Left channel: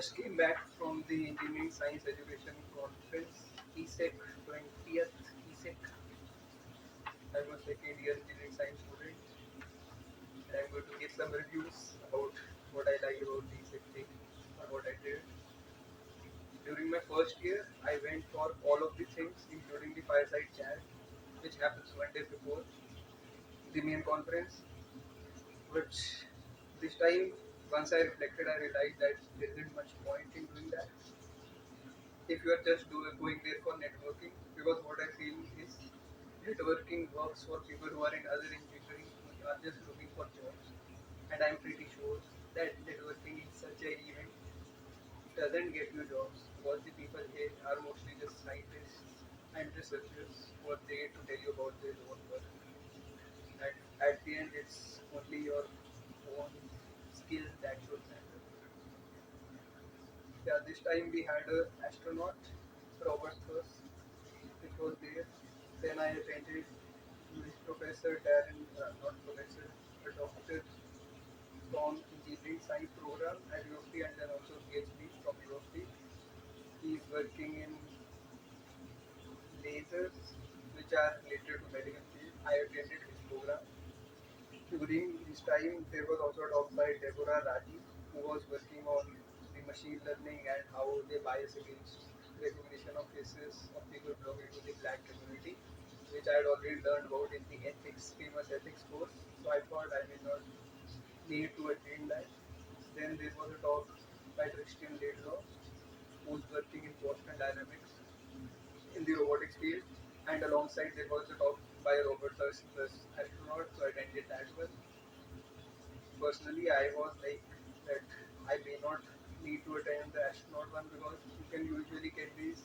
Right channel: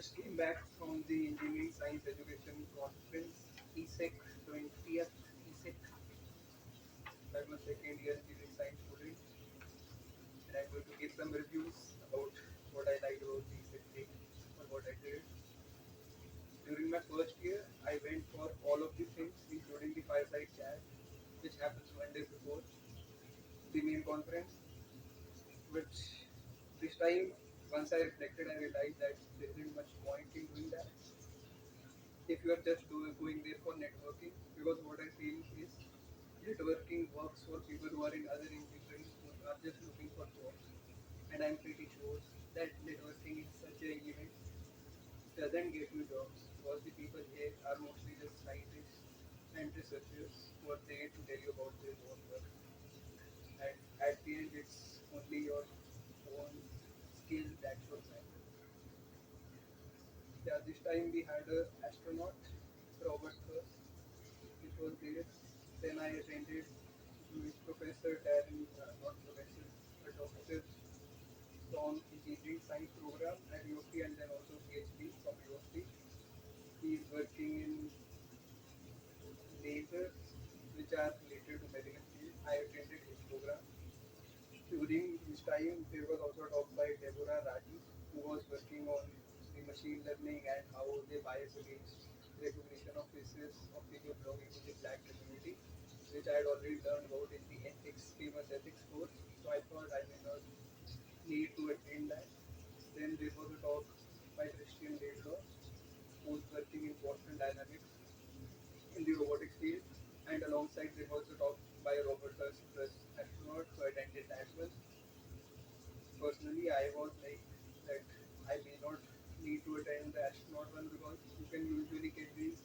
just came back from the Engineering Science Education Conference, ESEC 20th ESEC. I was second year engineering science student, and I'm going to give some reviews about what I liked about the ESEC thing or what I did. During my first year, I went for all of the things, including the fireside chat, which happens 1 day before the main conference. Which this time, once I reflected, I realized that there isn't much point in doing that if you are just going there for networking, because what I feel is networking works for people who are in other engineering who are just looking for jobs, and I'm pretty sure that networking in such a event doesn't get you jobs because the people here are mostly just scientists and researchers who are there to tell you about their own work, and at the end it's only your own skill that should matter. Yeah, this time we had a astronaut, Robert Thurs, which was there. Then I attended with Professor Darren, not Professor, but Doctor from Engineering Science program at UFT, and then also PhD from UFT. He is working in lasers which are related to medical field. I attended his program. During his time, there was also a talk by Deborah Raji, who was working on the machine learning and how they bias against recognition of faces of people belonging to the black community, which I had already learned about in the ethics, famous ethics course. So I thought I did not need to attend that. Then there was a talk by Christian Laidlaw, who's working in Boston Dynamics in the robotics field, and alongside there was a talk by Robert Thurs, astronaut, so I attended that one. Personally, I was like that I may not need to attend the astronaut one because you can usually get these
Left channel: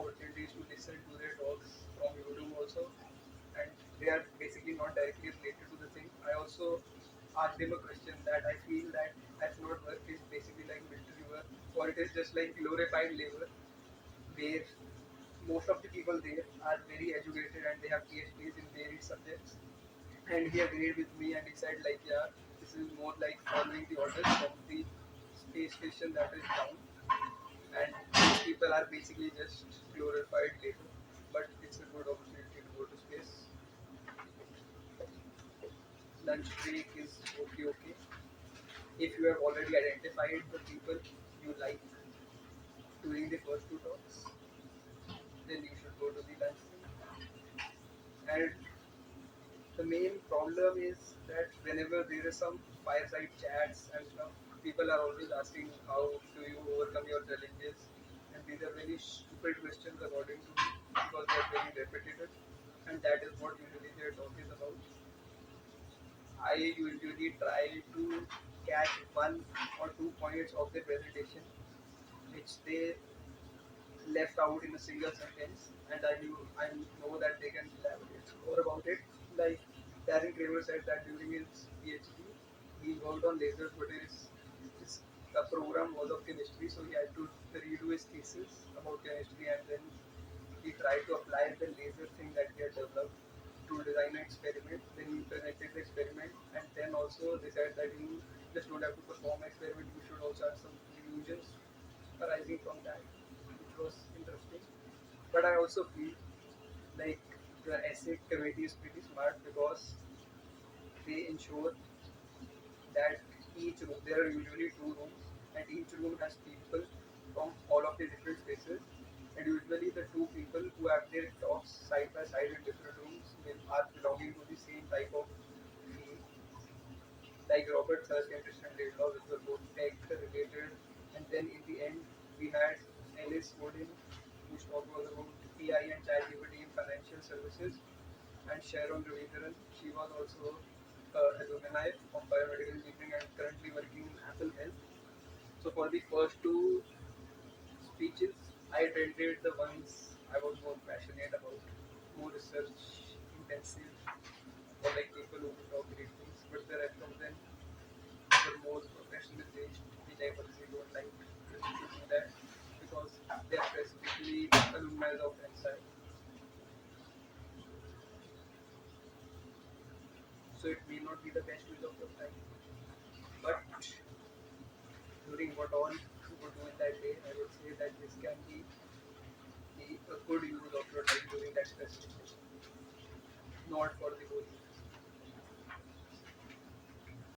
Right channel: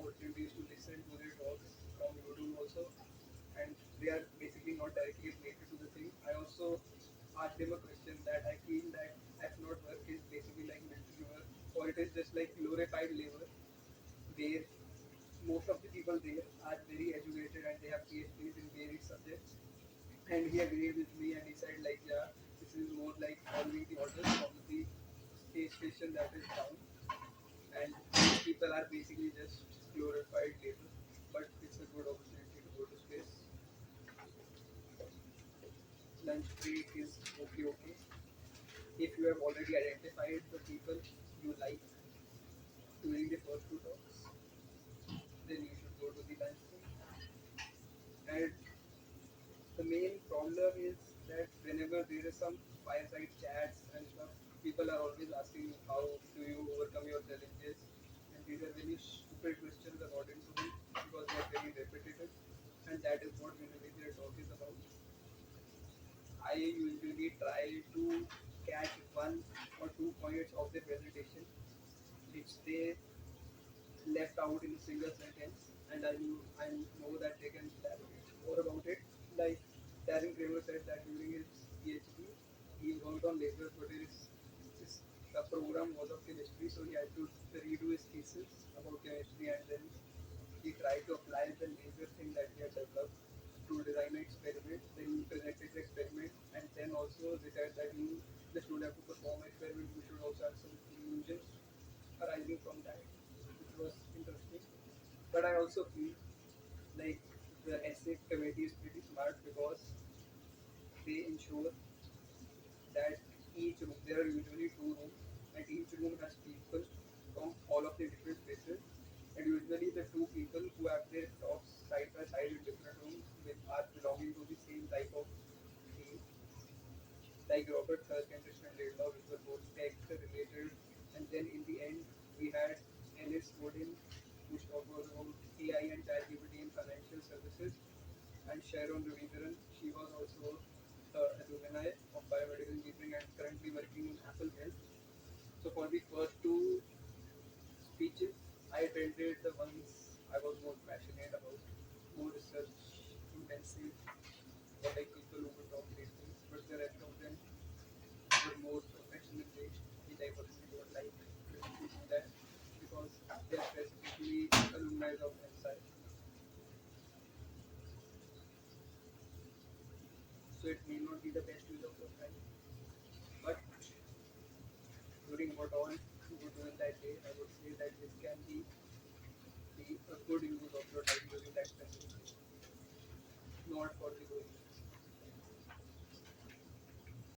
opportunities to listen to their talks from YouTube also, and they are basically not directly related to the thing. I also asked him a question that I feel that astronaut work is basically like military work, or it is just like glorified labor, where most of the people there are very educated and they have PhDs in varied subjects, and he agreed with me and he said like, yeah, this is more like following the orders from the space station that is down, and these people are basically just glorified labor, but it's a good opportunity to go to space. Lunch break is okay, okay. If you have already identified the people you like during the first two talks, then you should go to the lunch break. And the main problem is that whenever there is some fireside chats and stuff, people are always asking how do you overcome your challenges, and these are very stupid questions according to me because they are very repetitive, and that is what usually their talk is about. I usually try to catch one or two points of the presentation which they left out in a single sentence, and I know that they can elaborate more about it. Like Darren Kramer said that during his PhD, he worked on lasers, but his program was of chemistry, so he had to redo his thesis about chemistry, and then he tried to apply the laser thing that he had developed to design an experiment. Then he presented the experiment, and then also they said that you just don't have to perform an experiment; you should also have some illusions arising from that, which was interesting. But I also feel like the ESEC committee is pretty smart because they ensure that each room, there are usually two rooms, and each room has people from all of the different spaces. And usually the two people who have their talks side by side in different rooms are belonging to the same type of field, like Robert Thirsk and Christian Laidlaw, which were both tech related. And then in the end, we had Alice Wooden, whose talk was about AI and ChatGPT in financial services, and Sharon Ravicharan. She was also an alumni of biomedical engineering and currently working in Apple Health. So for the first two speeches, I attended the ones I was more passionate about, more research intensive, or like people who could talk great things. But the rest of them were more professional based, which I personally don't like to do that because they are specifically alumni of NSI. So it may not be the best use of your time. But during what all you would do in that day, I would say that this can be a good use